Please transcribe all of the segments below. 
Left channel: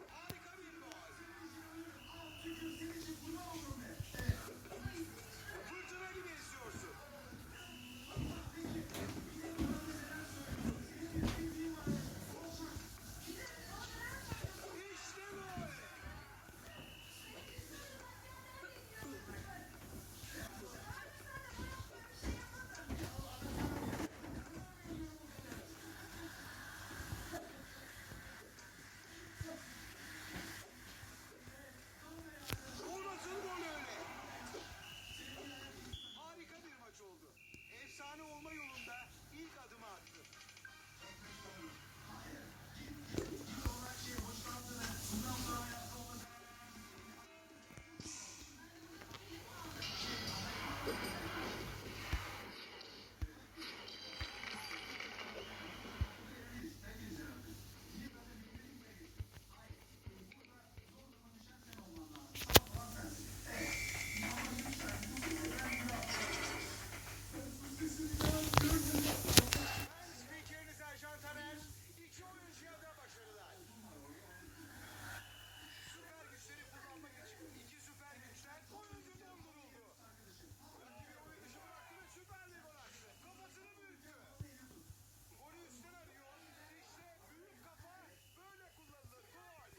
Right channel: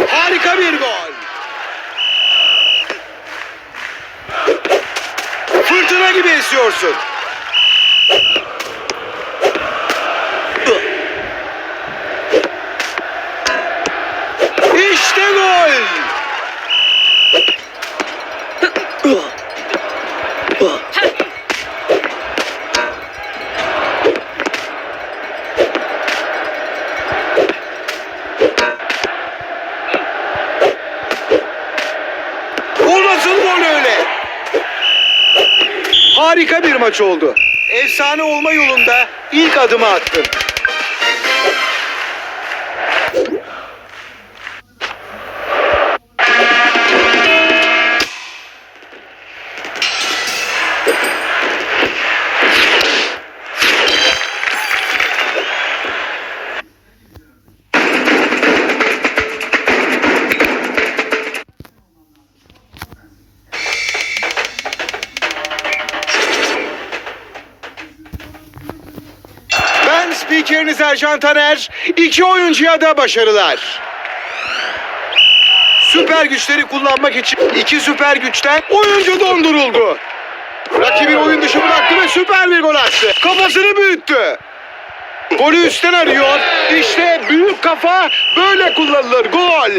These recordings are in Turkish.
Harika, bir gol. Fırtına gibi esiyorsun. İşte gol. O nasıl gol öyle? Harika bir maç oldu. Efsane olma yolunda ilk adımı attın. Spikeriniz Ercan Taner. İki oyuncuya da başarılar. Süper güçleri kullanmak için iki süper güçten oyuncu donduruldu. Rakibin oyun dışı bıraktı ve süper bir gol attı. Kafasını büyüttü. Golü üstten arıyor. İşte büyük kafa böyle kullanılır. Gol.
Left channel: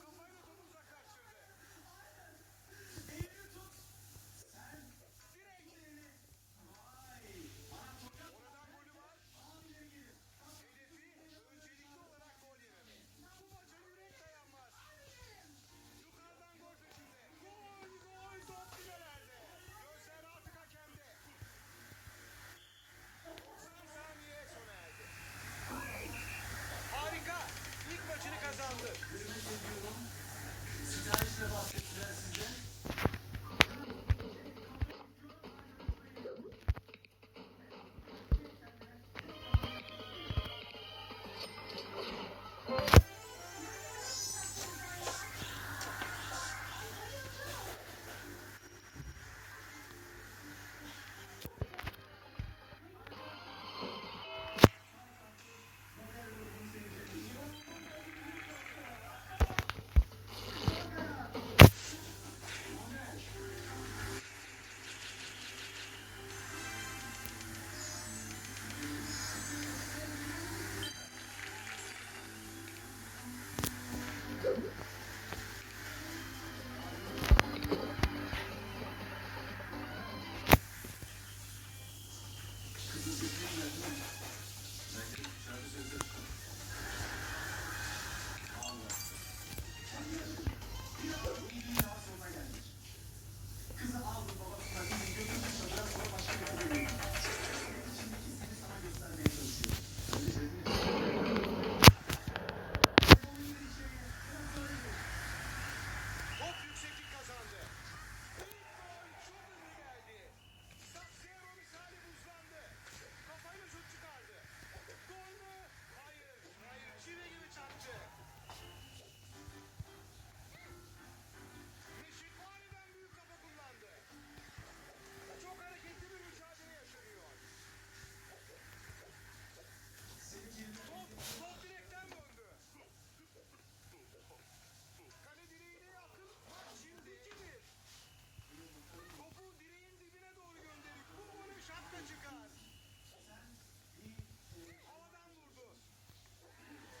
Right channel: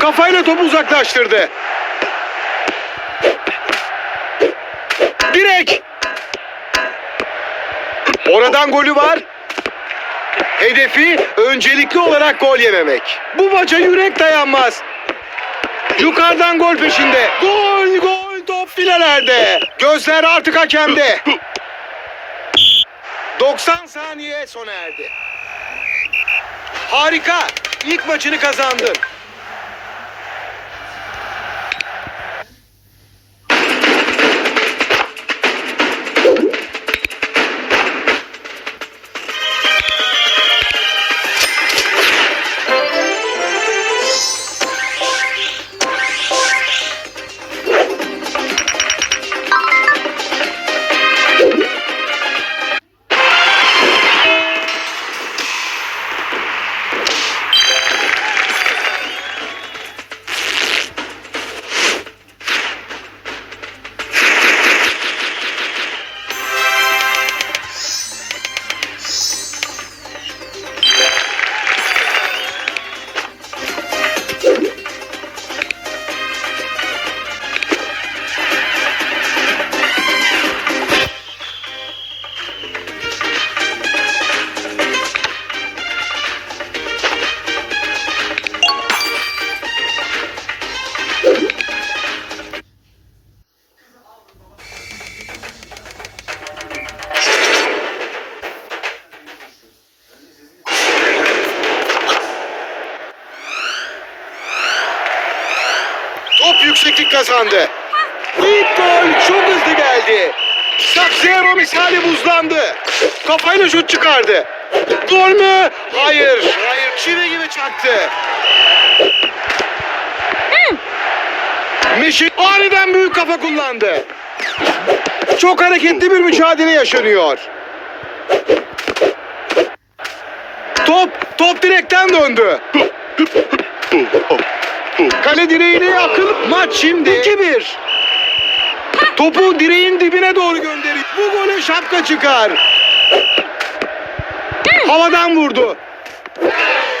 Kafayla topu uzaklaştırdı. Direk. Oradan golü var. Hedefi öncelikli olarak gol yememek. Bu maça yürek dayanmaz. Yukarıdan gol peşinde. Gol gol top filelerde. Gözler artık hakemde. 90 saniye sona erdi. Harika. İlk maçını kazandın. Kazandı. İlk gol çok hızlı geldi. Saksero misali buzlandı. Kafayla şut çıkardı. Gol mü? Hayır. Hayır. Çivi gibi çaktı. Mişik aniden büyük kafa kullandı. Çok hareketli bir mücadele yaşanıyor. Top, top direkten döndü. Kale direğine akıl. Maç şimdi 2-1. Topu direğin dibine doğru gönderiyor. Bu gole şapka çıkar. Havadan vurdu.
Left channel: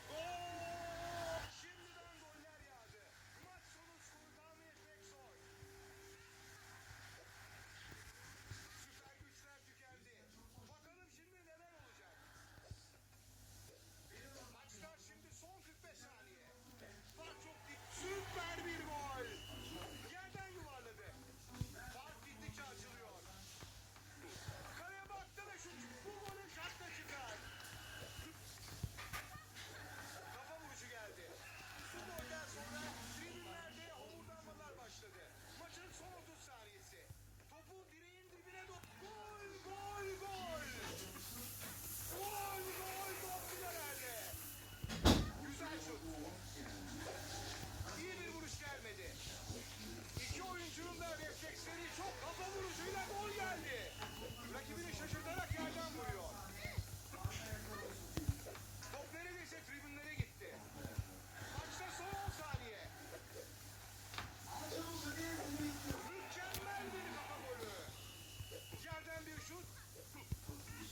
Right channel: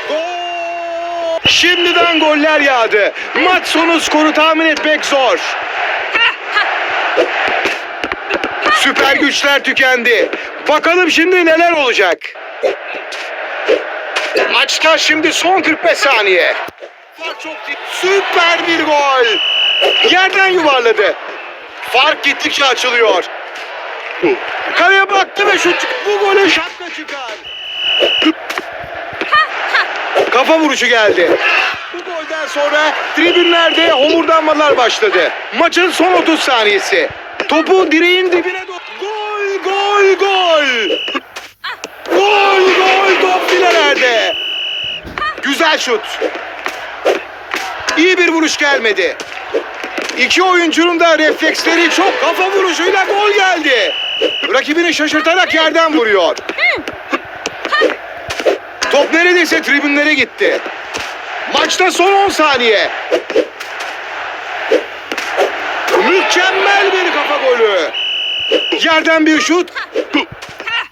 Gol! Şimdiden goller yağdı. Maç sonu skoru tahmin etmek zor. Süper güçler tükendi. Bakalım şimdi neler olacak. Maçta şimdi son 45 saniye. Fark çok. Süper bir gol. Yerden yuvarladı. Fark gittikçe açılıyor. Kaleye baktı ve şut Bu gole şapka çıkar. Kafa vuruşu geldi. Bu golden sonra tribünlerde homurdanmalar başladı. Maçın son 30 saniyesi. Topu direğin dibine doğru. Gol, gol, gol. Gol, gol, top filelerde. Güzel şut. İyi bir vuruş gelmedi. İki oyuncunun da refleksleri çok kafa vuruşuyla gol geldi. Rakibini şaşırtarak yerden vuruyor. Top neredeyse tribünlere gitti. Maçta son 10 saniye. Mükemmel bir kafa golü. Yerden bir şut.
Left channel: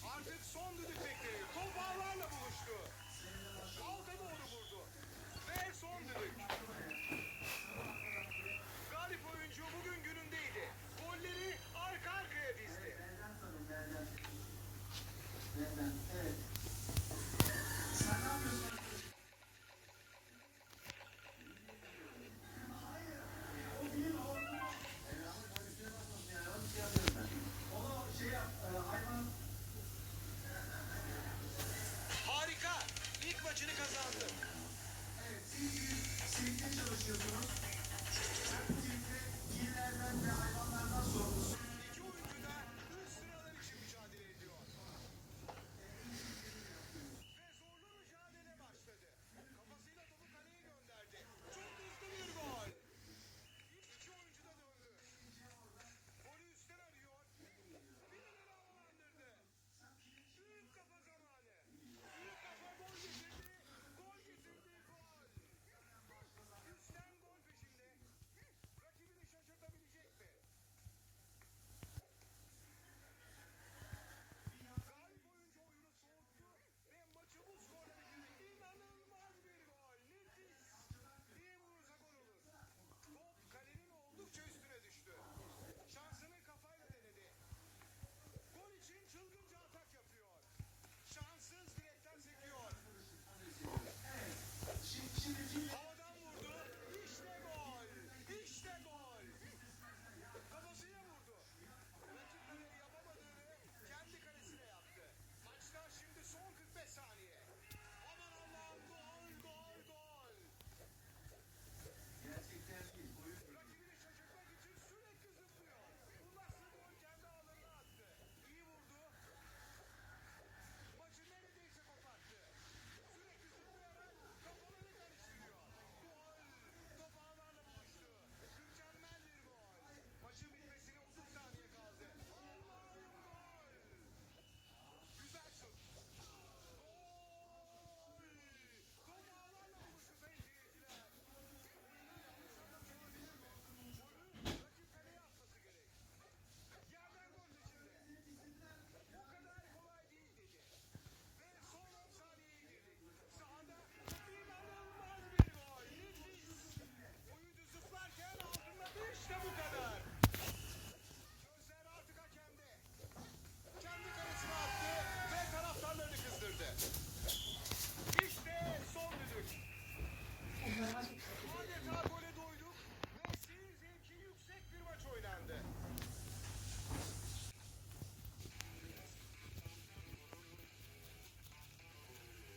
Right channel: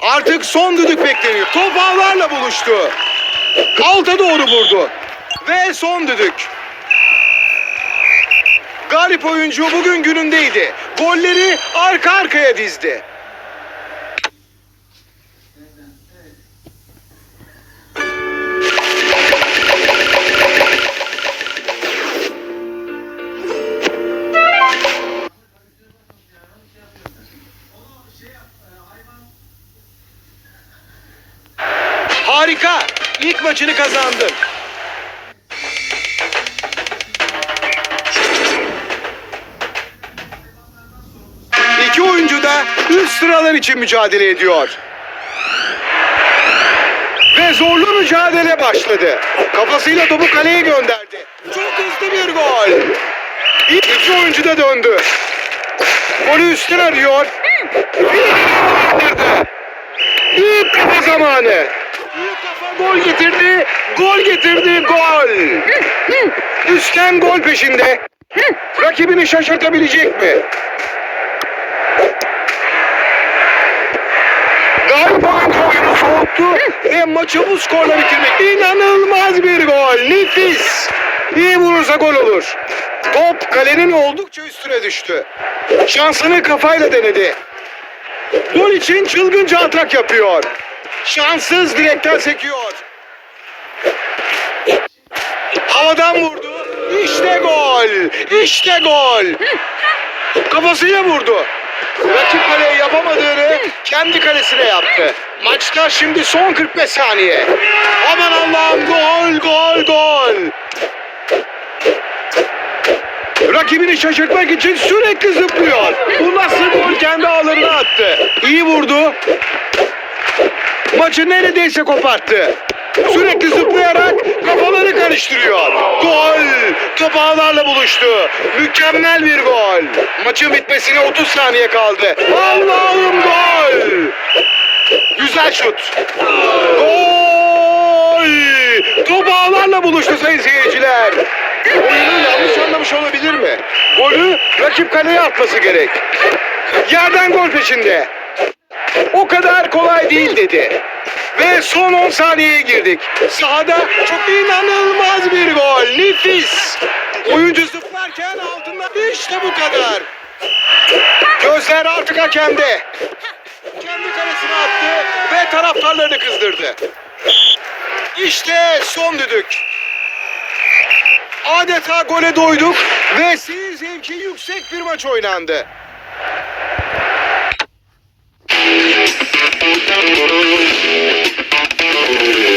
Artık son düdük bekleniyor. Top ağlarla buluştu. Alta doğru vurdu. Ve son düdük. Galip oyuncu bugün günündeydi. Golleri arka arkaya dizdi. Harika. İlk maçını kazandın. Üst sıralar için mücadele ediyor. Ve zorlu mücadele başladı. Kafasıyla topu kaleye gönderdi. Çok hızlı bir gol. İki oyuncu da döndü. Golü üstten arıyor. Büyük kafa zamanı. Büyük kafa gol getirdi. Gol getirdi. Gol. Üstten gol peşinde. Rakibini şaşırtabilecek mi? Galiba oyunu soğuttu ve maçı bu skorla bitirmek. İnanılmaz bir gol. Nefis. İyi vurursa gol olur. Top kalenin oldukça üstüne düştü. Şansını kafayla denedi. Gol için çılgınca atak yapıyor. Şanssız direkten sekiyor. Havadan vurdu. İşte gol. İşte gol. Kafasıyla vurdu. Rakip kaleye yapamadığını kendi kalesine yaptı. Maçta şimdi son 45 saniye. Aman Allah'ım gol gol gol. Rakibini şaşırtmak için sürekli zıplıyor. Bu nasıl gol kendi ağlarına attı. İyi vurdu. Maçı neredeyse koparttı. Sürekli zıplayarak karıştırıyor. Gol! Top ağlarla buluştu. Mükemmel bir gol. Maçın bitmesine 30 saniye kaldı. Allah'ım gol! Güzel şut. Gol! Top ağlarla buluştu sayın seyirciler. Oyunu yanlış anlamış olabilir mi? Golü rakip kaleye atması gerek. Yerden gol peşinde. O kadar kolay değil dedi. Ve son 10 saniyeye girdik. Sahada çok inanılmaz bir gol. Nefis. Oyuncu zıplarken altından işte bu kadar. Gözler artık hakemde. Kendi kalesine attı ve taraftarlarını kızdırdı. İşte son düdük. Adeta gole doyduk ve siz zevki yüksek bir maç oynandı. Thank you. Música